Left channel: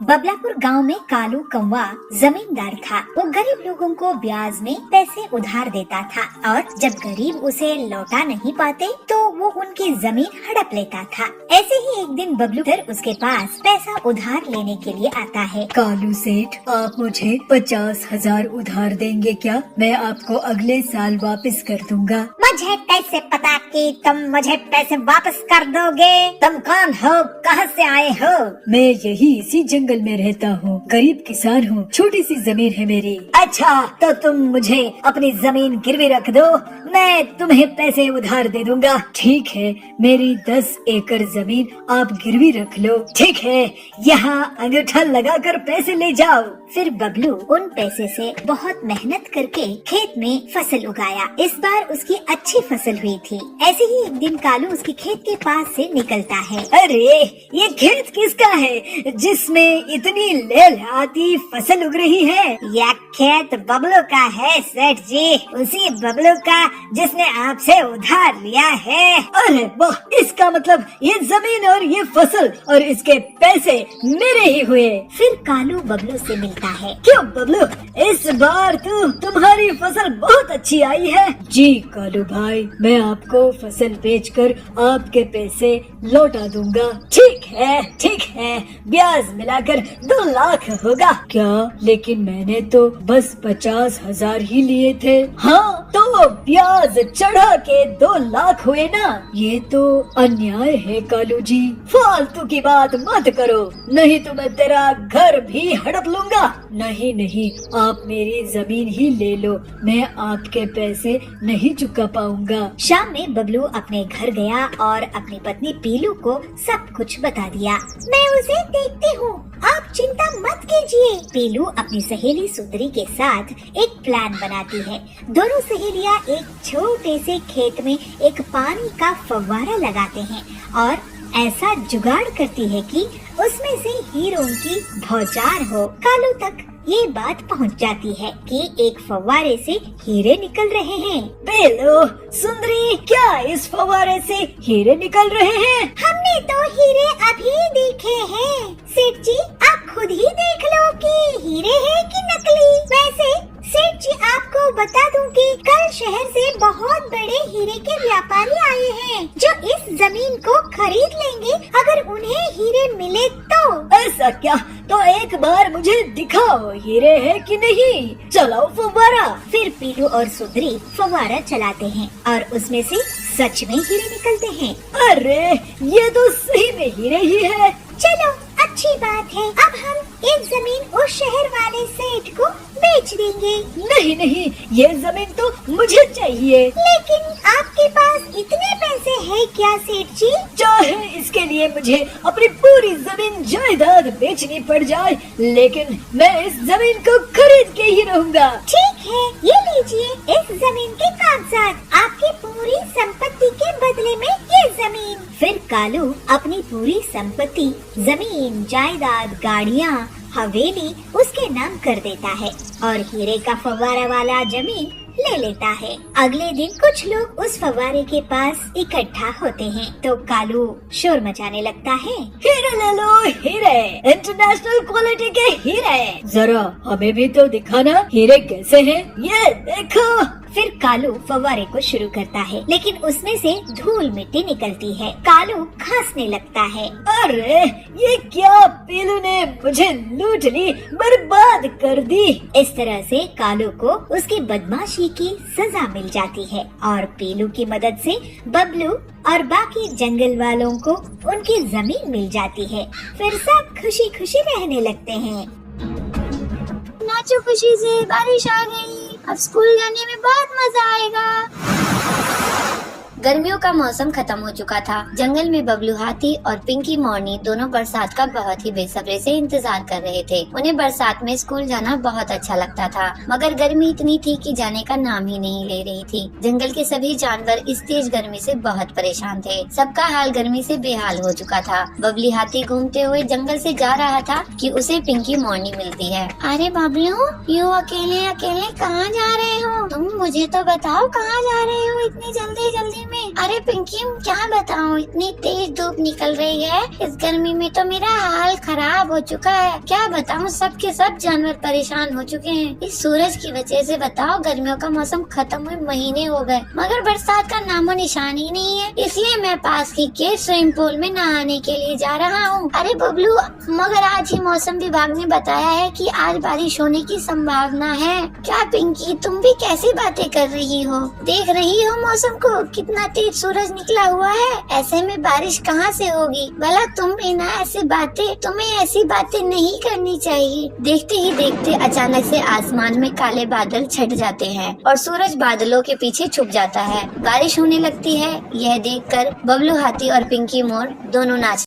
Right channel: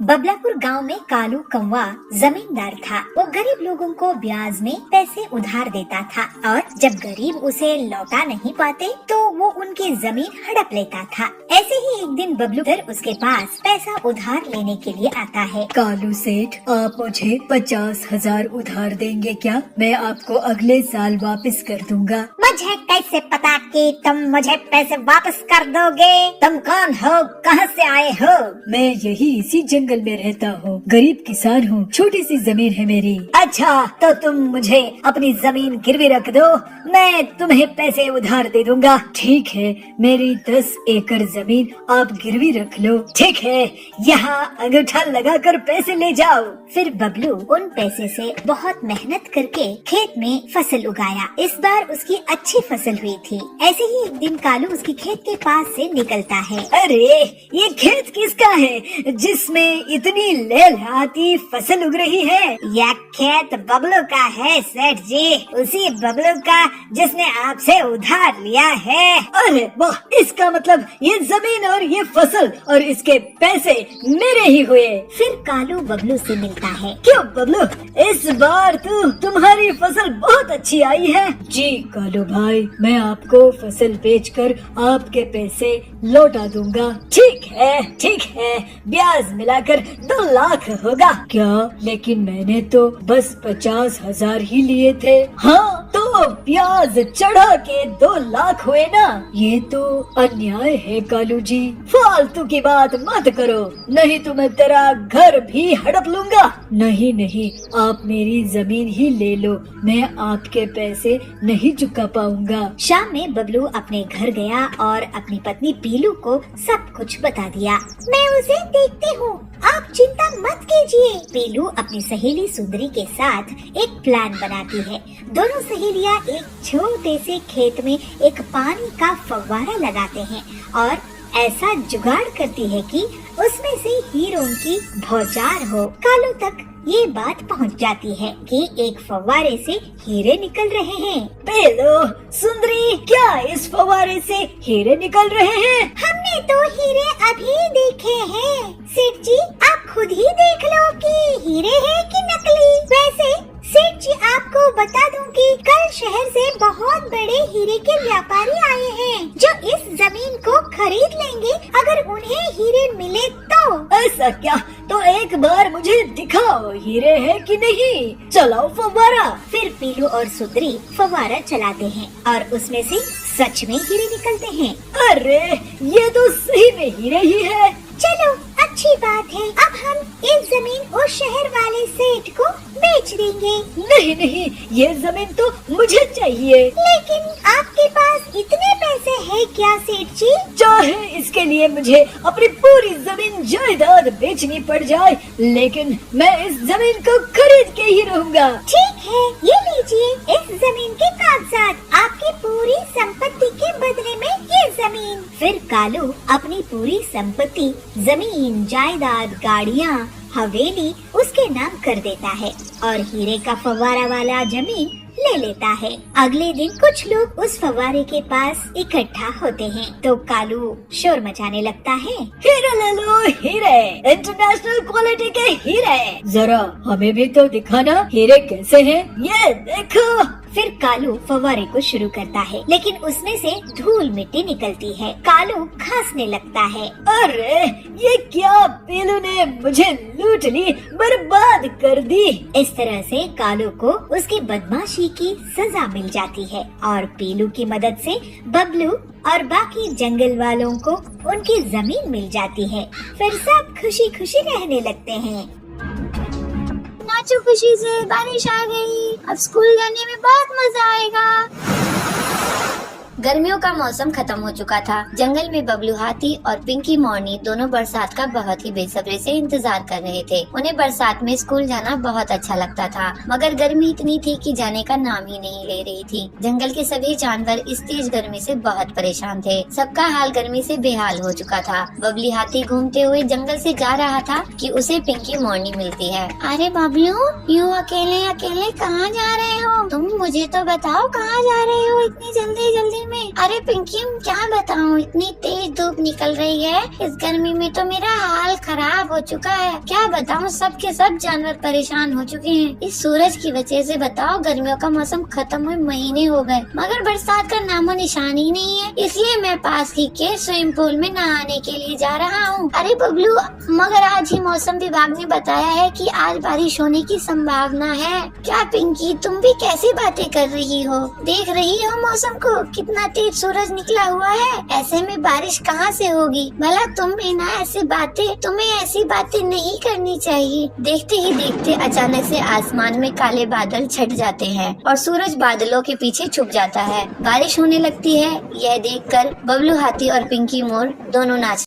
बबलापुर गांव में कालू कौवा जमींदार था। वो गरीब लोगों को ब्याज में पैसे उधार देता था और जब गरीब उसे लौटा नहीं पाते तो वो उनकी जमीन हड़प लेता था। ऐसे ही एक दिन बबलू उसके पास पैसा उधार लेने के लिए आता है। कालू सेठ, आप मुझे 50,000 उधार देंगे क्या? मैं आपको अगले साल वापस कर दूंगा। मुझे कैसे पता कि तुम मुझे पैसे वापस कर दोगे? तुम कौन हो, कहाँ से आए हो? मैं यही इसी जंगल में रहता हूँ, गरीब किसान हूँ, छोटी सी जमीन है मेरी। अच्छा, तो तुम मुझे अपनी जमीन गिरवी रख दो, मैं तुम्हें पैसे उधार दे दूंगा। ठीक है, मेरी 10 एकड़ जमीन आप गिरवी रख लो। ठीक है, यहाँ अंगूठा लगाकर पैसे ले जाओ। फिर बबलू उन पैसे से बहुत मेहनत करके खेत में फसल उगाया। इस बार उसकी अच्छी फसल हुई थी। ऐसे ही एक दिन कालू उसके खेत के पास से निकलता है। अरे, ये खेत किसका है जिसमें इतनी लहलहाती फसल उग रही है? यह खेत बबलू का है सेठ जी, उसी बबलू का जिसने आपसे उधार लिया है। अरे वाह, इसका मतलब ये जमीन और ये फसल और इसके पैसे मेरे ही हुए। फिर कालू बबलू से मिलता है। क्यों बबलू, इस बार तुम्हारी फसल बहुत अच्छी आई है। जी कालू भाई, मैं आपको फसल बेचकर आपके पैसे लौटा दूंगा। ठीक है, ब्याज मिलाकर 2 लाख होगा क्या? लेकिन मैंने तो बस 50,000 ही लिए थे। हाँ, तो ब्याज चढ़ा के 2 लाख हुए ना? ये तो अन्याय है कालू जी, फालतू की बात मत करो, नहीं तो मैं तेरा घर भी हड़प लूंगा। नहीं, आप मेरी जमीन ही ले लो, मैं आपके पैसे नहीं चुका पाऊंगा। शाम में बबलू अपने घर गया और अपनी पत्नी पीलू को सब कुछ बता दिया। मैं उसे देखती हूँ, आप चिंता मत कीजिए। पीलू अपनी सहेली सुंदरी के साथ एक प्लान बनाती है। दोनों सहेलियाँ एक छोटे से खेत में एक पानी का फव्वारा लगाते हैं और ऐसा जुगाड़ करती है कि उसमें से हीरों की बौछार हो। कालू तक ये बात पहुंच जाती है कि एक फव्वारे से हीरे निकल रहे हैं। पीलू, सुंदरी, क्या इस फव्वारे से हीरे निकल रहे हैं? हमने तो हीरे अभी देखे हैं सेठ जी, आप खुद ही देख लो कि हीरे हैं कि नकली। वैसे सेठ जी, आपको बता दूं कि कल शहर से बहुत बड़े हीरे के व्यापारी आए हैं जो इस जमीन को खरीद लेंगे अगर उन्हें हीरे मिले तो। ऐसा क्या? तो एक बार मुझे दिखाओ, हीरे है कि नहीं। चलाओ फव्वारा। फिर पीलू और सुंदरी फव्वारा चलाते हैं और उसमें से सच में हीरे निकलते हैं। अरे, ये तो सही में हीरे ही है। चलो, अच्छी बात है, अब हम ये जमीन उस शहर वाले सेठ को बेच देंगे। नहीं, ये जमीन तो मुझे चाहिए। लेकिन आपके पास इतने पैसे हैं क्या सेठ जी? चाहे इसके लिए मुझे अपनी पूरी जमीन जायदाद बेचनी पड़ जाए, लेकिन मैं इस जमीन को खरीद के ही रहूंगा। ठीक है, ये लीजिए इस जमीन के कागजात, आपकी पूरी संपत्ति के बदले में ये जमीन। फिर कालू अपनी पूरी संपत्ति, जमीन, जायदाद, गाड़ियाँ, हवेली उसके नाम कर देता है और हीरे का फव्वारा वाला जमीन ले लेता है। अगले दिन कुछ लोग उस फव्वारे के पास इकट्ठा होते हैं तो कालू शोर मचाने लगता है। हीरे ले लो, हीरे, इंटरनेशनल क्वालिटी के हीरे। जरा हमें भी तो दिखाना, हीरे कैसे हैं? ये देखो। फिर कालू फव्वारे को शुरू करता है, लेकिन उसमें से धूल मिट्टी निकलती है। कालू खांसने लगता है। अरे, ये क्या? पीलू ने मुझे लूट ली, बर्बाद कर दी। इस तरह से कालू को उसकी बदमाशी की सजा मिल जाती है और पीलू की मदद से बबलू और बाकी जंगल वालों को उनकी जमीन मिल जाती है। फिर सब खुशी खुशी रहने लगते हैं। नाचो खुशी से, बारिश आ गई, अब स्कूल जाने में बहुत मजा आएगा। गर्मियों का मौसम खत्म हो चुका था। जंगल में बबलू हाथी और पिंकी मोरनी दोनों बरसात का बहुत ही बेसब्री से इंतजार कर रहे थे। उन्हें बरसात में स्कूल जाना बहुत अच्छा लगता था, मगर गर्मी इतनी थी कि जाने का नाम ही नहीं ले रही थी। जंगल के सभी जानवर इस तेज गर्मी से बहुत परेशान थे। सबका हाल गर्मी से बेहाल हो चुका था। बबली हाथी घूमते हुए जंगल से जा रहा था कि उसे पिंकी मोरनी मिलती है। अरे बबलू, यूँ अकेले अकेले कहाँ जा रहे हो? तुम मुझे तो बताओ, कहाँ जा रहे हो इतनी जल्दी जल्दी में। अरे पिंकी क्या बताऊँ, इतनी तेज धूप निकल रही है, इस गर्मी में तो मेरा हाल खराब हो चुका है। क्या बताऊँ, सब के सब जानवर परेशान हो चुके हैं इस सूरज की वजह से। बताओ, गर्मियों का मौसम खत्म हुए महीने हो गए मगर बरसात का नामो निशान ही नहीं है। इसलिए मैं पास की के स्विमिंग पूल में नहाने के लिए जा रहा हूँ। अरे बबलू, मगर आज ही मौसम विभाग ने बताया है कि आज बारिश होने की संभावना है। क्या पिंकी, तुम भी कैसी बातें कर रही हो? देख रही हो मौसम को, कितना तेज सूरज निकला हुआ है। ऐसे में बारिश कहाँ से होगी? भला तुम भी ना तुम्हें ऐसी बातें नहीं करनी चाहिए। देखते ही देखते अचानक से आसमान में काले बादल छट जाते हैं और सूरज बादलों के पीछे छुप जाता है। बारिश होने लगती है। यह देखकर बबलू हाथी और पिंकी मोर दोनों नाच